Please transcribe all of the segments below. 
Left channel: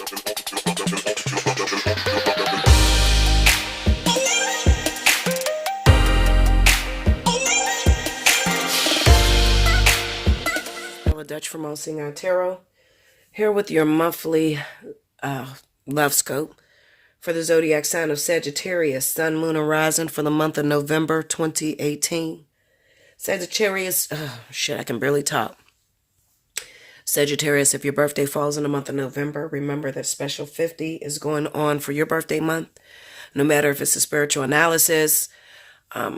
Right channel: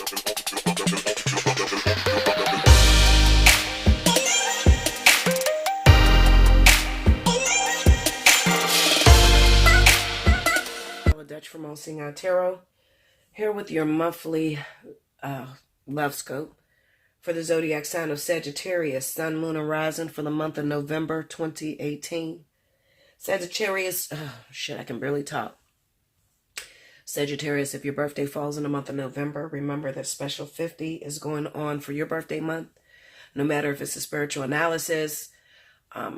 Dutch from Allseeingeyetarot, here with your monthly love scope for the zodiac sign of Sagittarius, Sun, Moon, and Rising for the month of November 2018. Sagittarius, I can barely talk. Sagittarius, if your birthday falls in the month of November, remember that special 50 is going on for your birthday month. No matter if it's a spiritual analysis, a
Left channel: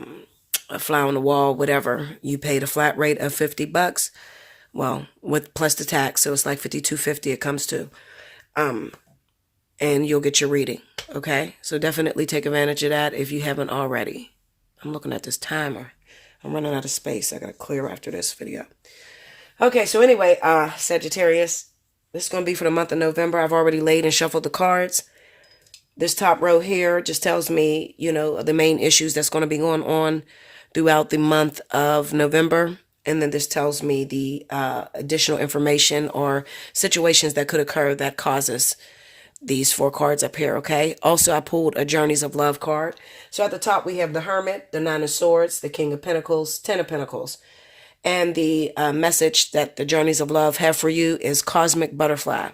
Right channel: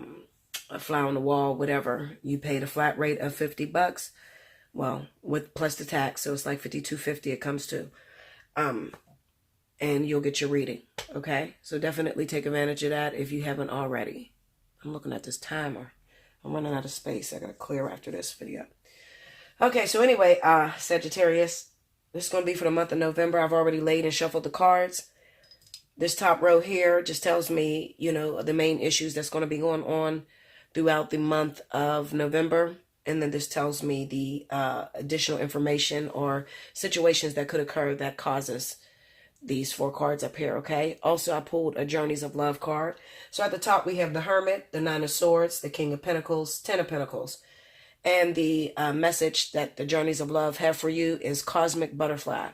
fly on the wall, whatever, you paid a flat rate of $50. Well, with plus the tax, so it's like $52.50 it comes to. And you'll get your reading, okay? So definitely take advantage of that if you haven't already. I'm looking at this timer. I'm running out of space. I got to clear after this video. Okay, so anyway, Sagittarius, this is going to be for the month of November. I've already laid and shuffled the cards. This top row here just tells me, you know, the main issues that's going to be going on throughout the month of November. And then this tells me the additional information or situations that could occur that causes these 4 cards up here, okay? Also, I pulled a Journeys of Love card. So at the top, we have the Hermit, the Nine of Swords, the King of Pentacles, 10 of Pentacles. And the message that the Journeys of Love have for you is Cosmic Butterfly.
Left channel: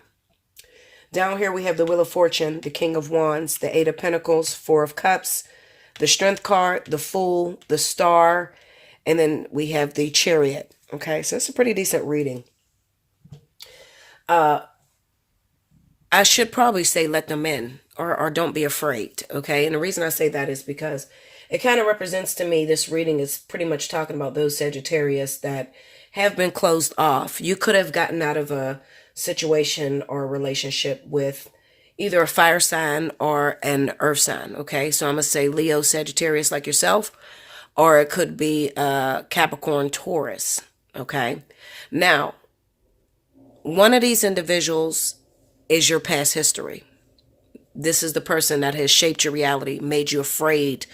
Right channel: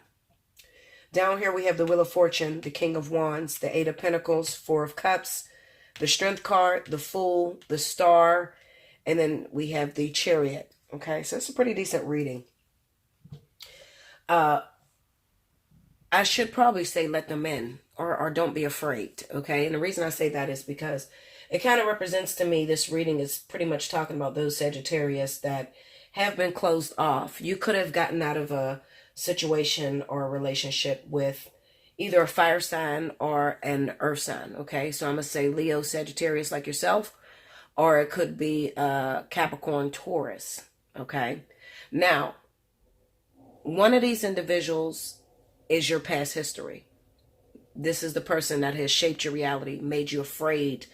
Down here, we have the Wheel of Fortune, the King of Wands, the 8 of Pentacles, 4 of Cups, the Strength card, the Fool, the Star, and then we have the Chariot. Okay, so it's a pretty decent reading. I should probably say let them in or don't be afraid. Okay, and the reason I say that is because it kind of represents to me, this reading is pretty much talking about those Sagittarius that have been closed off. You could have gotten out of a situation or a relationship with either a fire sign or an earth sign. Okay, so I'm going to say Leo, Sagittarius like yourself. Or it could be Capricorn, Taurus, okay? Now, one of these individuals is your past history. This is the person that has shaped your reality, made you afraid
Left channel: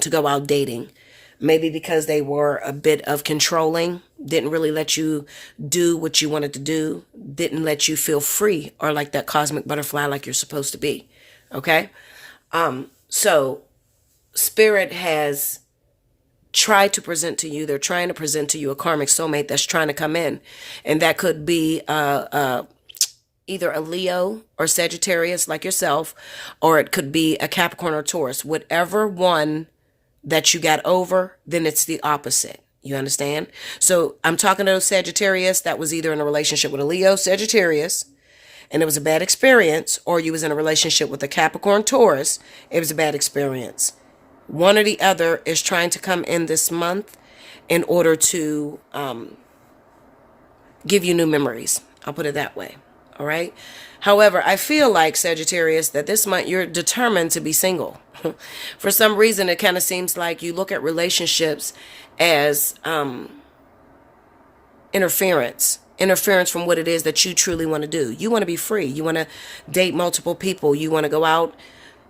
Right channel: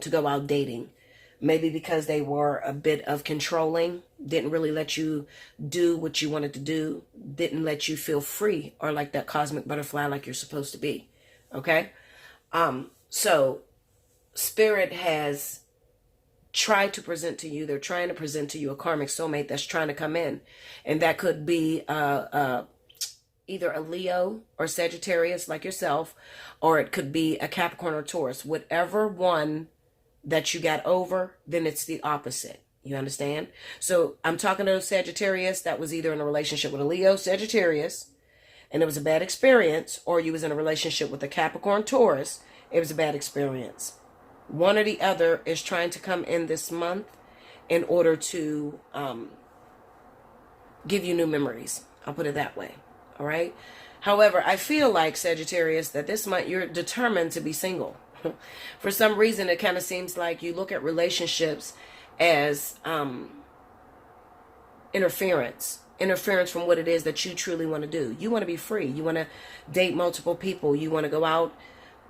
to go out dating. Maybe because they were a bit of controlling, didn't really let you do what you wanted to do, didn't let you feel free or like that cosmic butterfly like you're supposed to be, okay? So, Spirit has try to present to you, they're trying to present to you a karmic soulmate that's trying to come in. And that could be either a Leo or Sagittarius like yourself, or it could be a Capricorn or Taurus. Whatever one that you got over, then it's the opposite. You understand? So I'm talking to Sagittarius that was either in a relationship with a Leo, Sagittarius, and it was a bad experience, or you was in a relationship with a Capricorn, Taurus, it was a bad experience. One or the other is trying to come in this month in order to give you new memories. I'll put it that way. All right. However, I feel like, Sagittarius, that this month you're determined to be single. For some reason, it kind of seems like you look at relationships as interference from what it is that you truly want to do. You want to be free. You want to date multiple people. You want to go out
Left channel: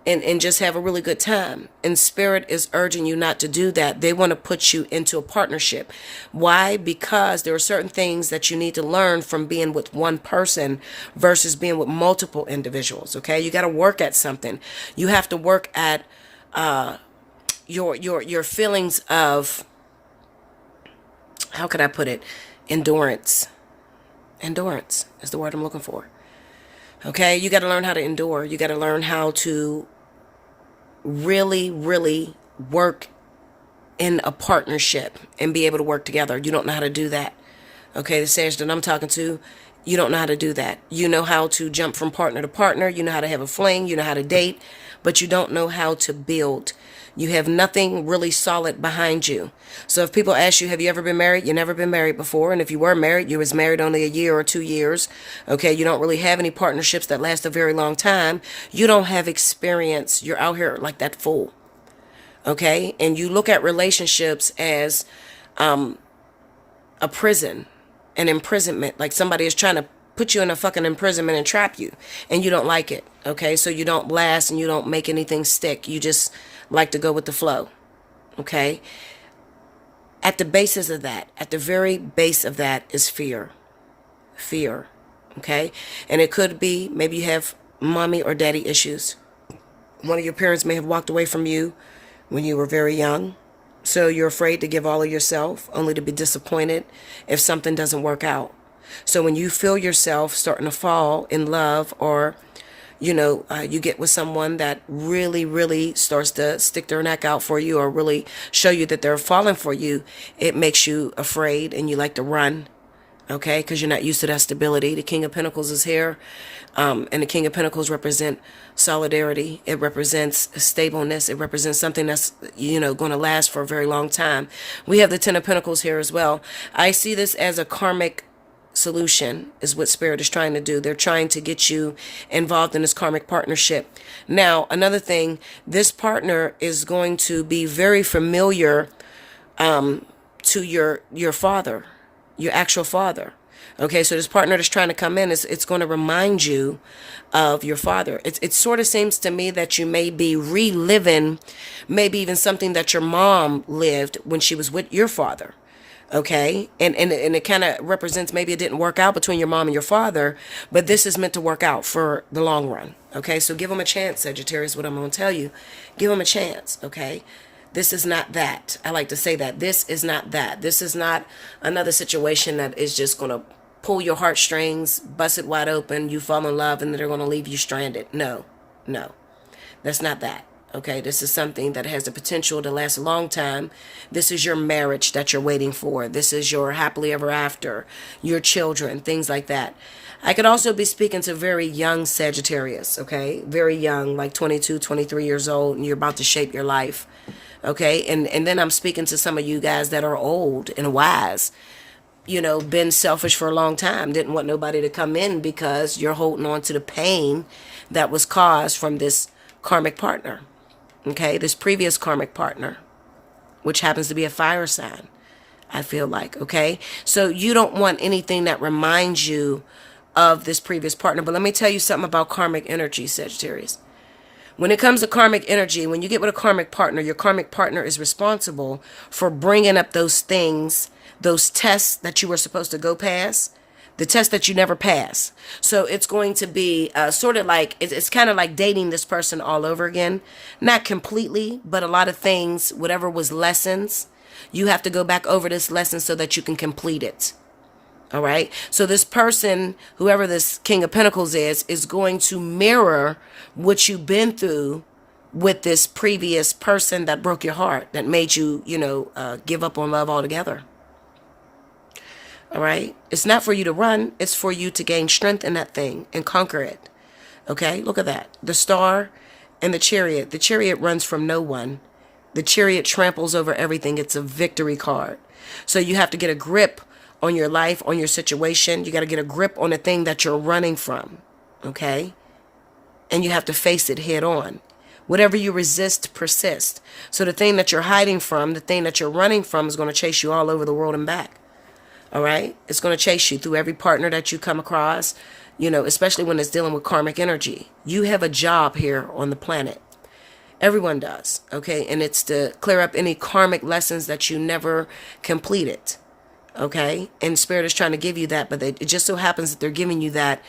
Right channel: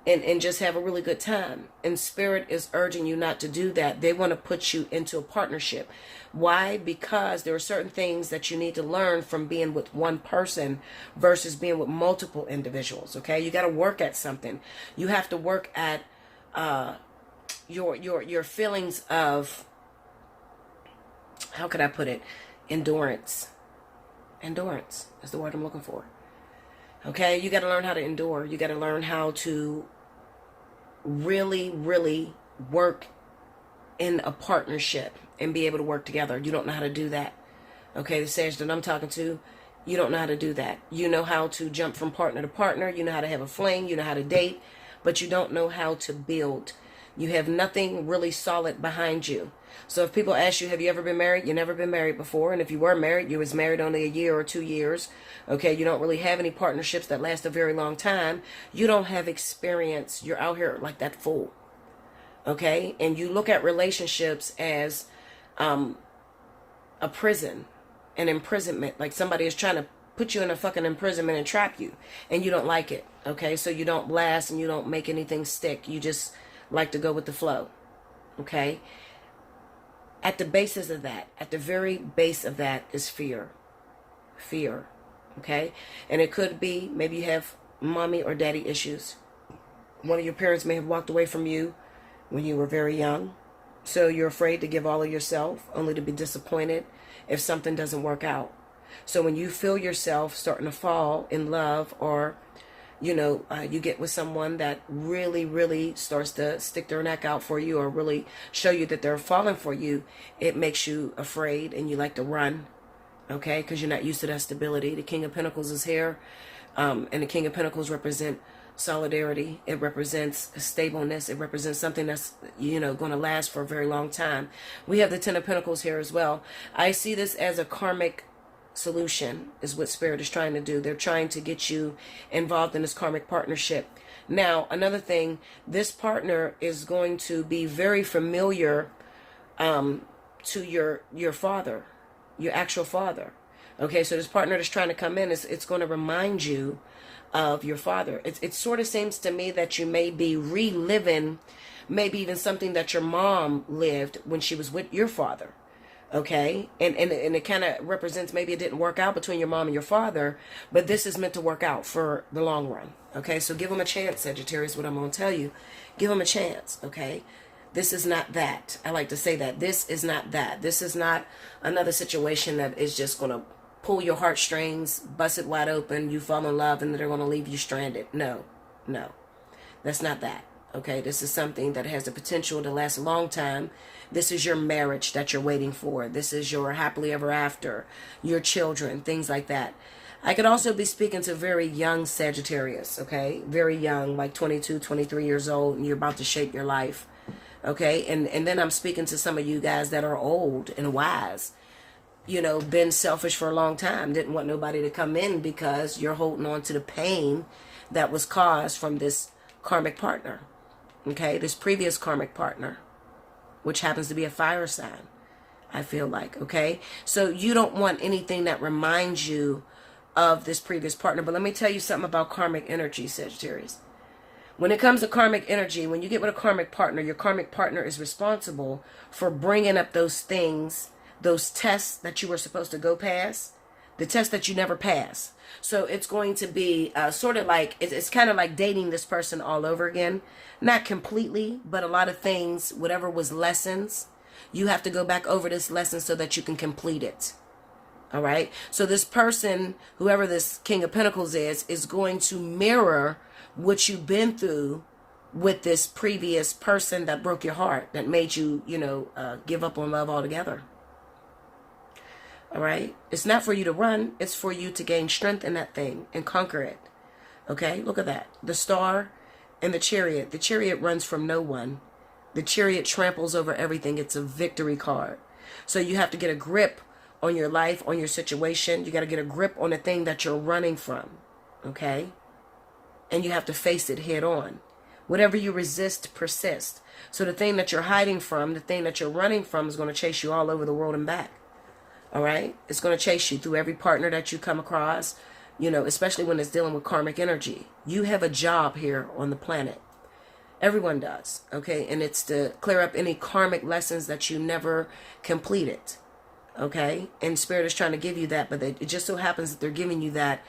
and just have a really good time. And Spirit is urging you not to do that. They want to put you into a partnership. Why? Because there are certain things that you need to learn from being with one person versus being with multiple individuals. Okay, you got to work at something. You have to work at your feelings of, how could I put it? Endurance. Endurance is the word I'm looking for. Okay, you got to learn how to endure. You got to learn how to really, really work in a partnership and be able to work together. You don't know how to do that. Okay, the Sag that I'm talking to, you don't know how to do that. You know how to jump from partner to partner. You know how to have a fling. You know how to date, but you don't know how to build. You have nothing really solid behind you. So if people ask you, have you ever been married? You've never been married before. And if you were married, you was married only a year or 2 years. Okay, you don't really have any partnerships that last a very long time. You don't have experience. You're out here like that fool. Okay, and you look at relationships as a prison, an imprisonment. Like somebody is trying to put you in a fucking imprisonment and trap you. And you don't like it. Okay, so you don't last and you don't make anything stick. You just like to go with the flow. Okay, at the basis of that, at the very base of that is fear. Okay, and it could be maybe you have mommy or daddy issues. One of your parents may have walked away from you when you were very young. So you're afraid to give all of yourself, only to be disappointed if something doesn't work out. So when you feel yourself starting to fall in love, or you get with someone that really, really starts to stick their neck out for you, or really show you that they're falling for you, it makes you afraid and you like to run, okay? Because you're not used to that stability. The King of Pentacles is here, and the King of Pentacles represent solidarity. It represents stableness. It represents something that's, going to last for a very long time. We have the Ten of Pentacles here as well. I see this as a karmic solution is what Spirit is trying to do. They're trying to get you involved in this karmic partnership. Now, another thing, this partner is going to be very familiar to your father, your actual father. Okay, so this partner that's trying to come in, it's going to remind you of your father. It sort of seems to me that you may be reliving maybe even something that your mom lived when she was with your father. Okay, and it kind of represents maybe it didn't work out between your mom and your father, but this is meant to work out for the long run. Okay, so give them a chance, Sagittarius, what I'm going to tell you. Give them a chance, okay? This is not that. I like to say that. This is not that. This is not another situation that is just going to pull your heartstrings, bust it wide open, you fall in love, and then they're going to leave you stranded. No, that's not that. Okay, this is something that has the potential to last a long time. This is your marriage that you're waiting for. This is your happily ever after, your children, things like that. I could also be speaking to very young Sagittarius, okay? Very young, like 22, 23 years old, and you're about to shape your life, okay? And then I'm speaking to some of you guys that are old and wise, been selfish for a long time, didn't want nobody to come in because you're holding on to the pain that was caused from this karmic partner. Okay, this previous karmic partner, which happens to be a fire sign, I feel like, okay? So you don't want anything that reminds you of this previous partner. But let me tell you something about karmic energy, Sagittarius. When it comes to karmic energy, when you get with a karmic partner, your karmic partner is responsible for bringing up those things, those tests that you were supposed to go past, the test that you never pass. So it's going to be sort of like, it's kind of like dating this person all over again. Not completely, but a lot of things, whatever was lessons, you have to go back over this lesson so that you can complete it. All right. So this person, whoever this King of Pentacles is going to mirror what you've been through with this previous person that broke your heart, that made you, give up on love altogether. All right. It's not for you to run. It's for you to gain strength in that thing and conquer it. Okay. Look at that. The Star and the Chariot. The Chariot runs from no one. The Chariot tramples over everything. It's a victory card. So you have to get a grip on your life, on your situation. You got to get a grip on the thing that you're running from. Okay. And you have to face it head on. Whatever you resist, persist. So the thing that you're hiding from, the thing that you're running from is going to chase you all over the world and back. All right. It's going to chase you through every partner that you come across, especially when it's dealing with karmic energy. You have a job here on the planet. Everyone does. Okay. And it's to clear up any karmic lessons that you never completed. Okay. And Spirit is trying to give you that. But it just so happens that they're giving you that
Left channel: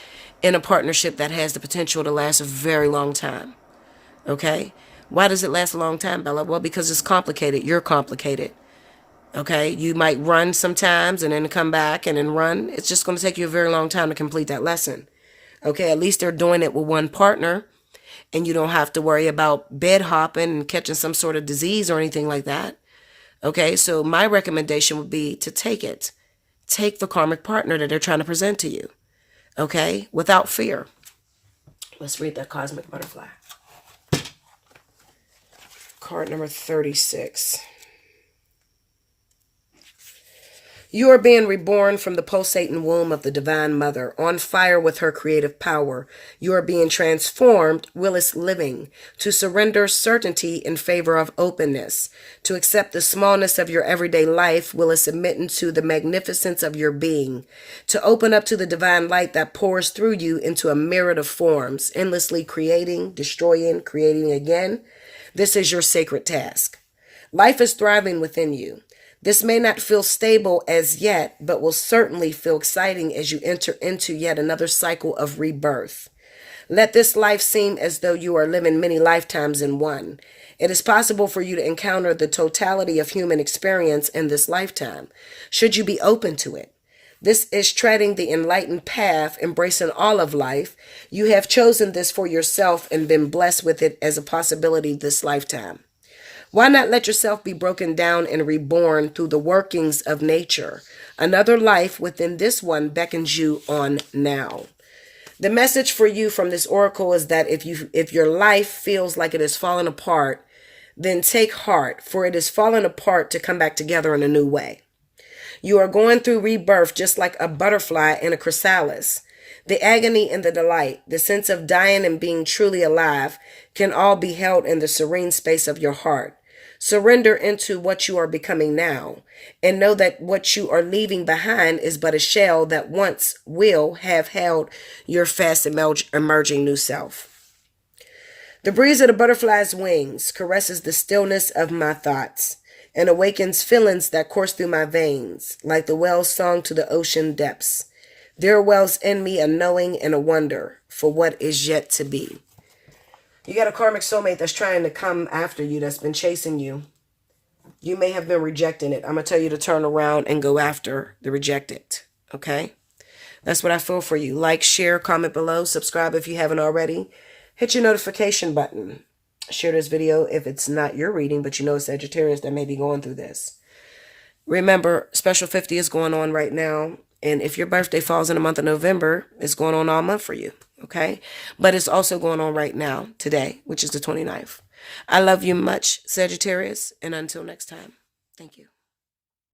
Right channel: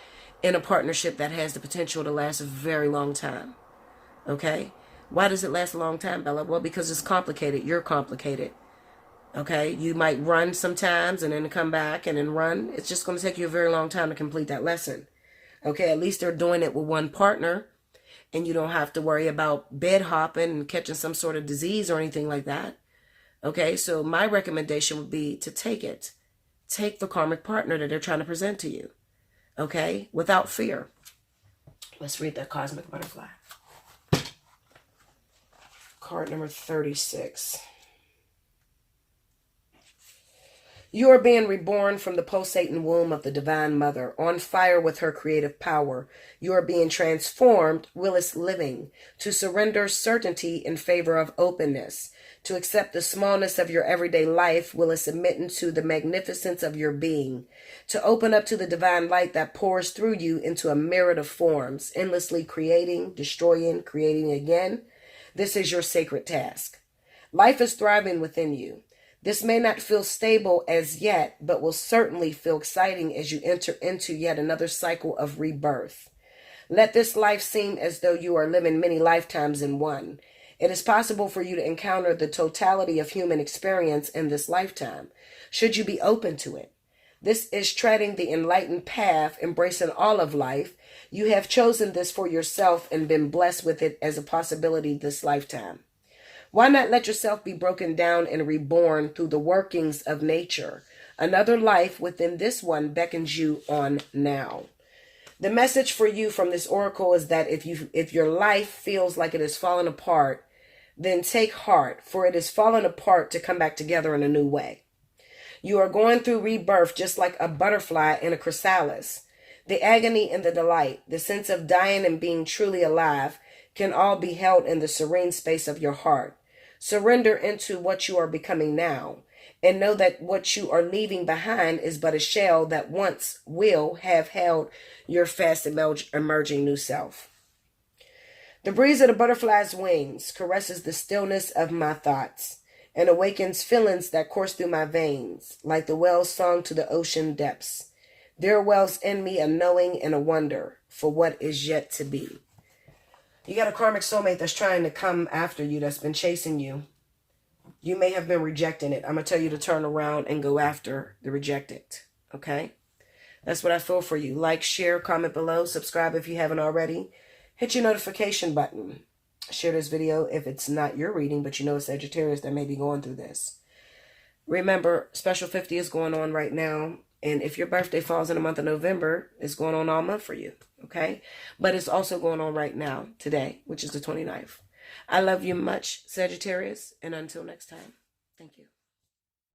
in a partnership that has the potential to last a very long time. Okay. Why does it last a long time, Bella? Well, because it's complicated. You're complicated. Okay, you might run sometimes and then come back and then run. It's just going to take you a very long time to complete that lesson. Okay, at least they're doing it with one partner and you don't have to worry about bed hopping and catching some sort of disease or anything like that. Okay, so my recommendation would be to take it. Take the karmic partner that they're trying to present to you. Okay, without fear. Let's read that Cosmic Butterfly. Card number 36. You are being reborn from the pulsating womb of the Divine Mother, on fire with her creative power. You are being transformed, Willis living, to surrender certainty in favor of openness, to accept the smallness of your everyday life, Willis submitting to the magnificence of your being, to open up to the divine light that pours through you into a myriad of forms, endlessly creating, destroying, creating again. This is your sacred task. Life is thriving within you. This may not feel stable as yet, but will certainly feel exciting as you enter into yet another cycle of rebirth. Let this life seem as though you are living many lifetimes in one. It is possible for you to encounter the totality of human experience in this lifetime, should you be open to it. This is treading the enlightened path, embracing all of life. You have chosen this for yourself and been blessed with it as a possibility this lifetime. Why not let yourself be broken down and reborn through the workings of nature? Another life within this one beckons you on now. The message for you from this oracle is that if your life feels like it is falling apart, then take heart, for it is falling apart to come back together in a new way. You are going through rebirth just like a butterfly in a chrysalis. The agony and the delight, the sense of dying and being truly alive can all be held in the serene space of your heart. Surrender into what you are becoming now, and know that what you are leaving behind is but a shell that once will have held your fast emerging new self. The breeze of the butterfly's wings caresses the stillness of my thoughts and awakens feelings that course through my veins, like the whale's song to the ocean depths. There wells in me a knowing and a wonder for what is yet to be. You got a karmic soulmate that's trying to come after you, that's been chasing you. You may have been rejecting it. I'm going to tell you to turn around and go after the rejected. Okay? That's what I feel for you. Like, share, comment below, subscribe if you haven't already. Hit your notification button. Share this video if it's not your reading, but you know it's Sagittarius that may be going through this. Remember, Special 50 is going on right now. And if your birthday falls in the month of November, it's going on all month for you. Okay? But it's also going on right now, today, which is the 29th. I love you much, Sagittarius. And until next time, thank you.